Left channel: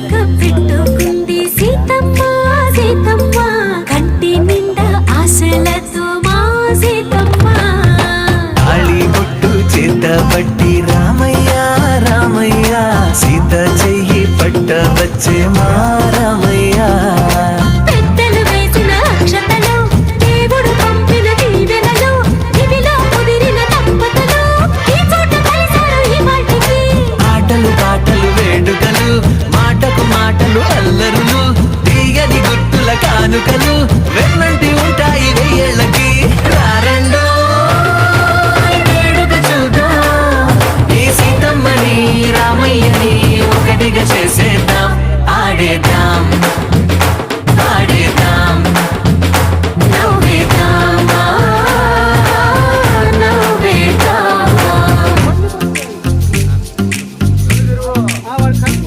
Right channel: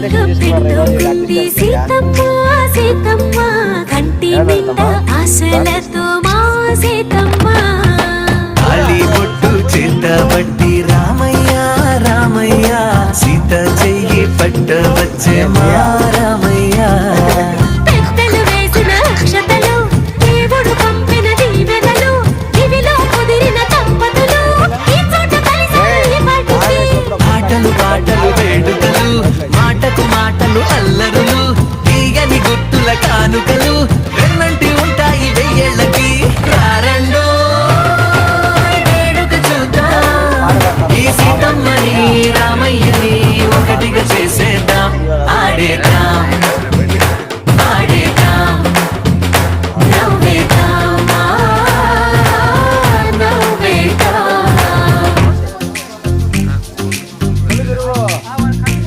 ముద్దు పెట్టుకుంది సీతమ్మ సీతమ్మ కంటి నిండా ఆశలతో మా సీతమ్మ తాళి బొట్టు చేత పట్టి రామయ్య రామయ్య సీత చెయ్యి పట్ట వచ్చే మా రామయ్య పెద్దలు వేసిన అక్షతలు దేవుడు పంపిన దీవెనలు ఇవిలో కుదిరిన దంపతులు ఈ చోట కలిసారు ఈ మాటికి ఆటలు పాటలు వేడుకలు మాటకు మాటలు అల్లరులు తీయని గుర్తుల కానుకలు వెన్నంటి ఉంటాయి వెయ్యేళ్ళకి రారండో వేడుక చూద్దాం ఈ సీతమ్మని రామయ్యని ఒకటిగా చేసేద్దాం ఆడేద్దాం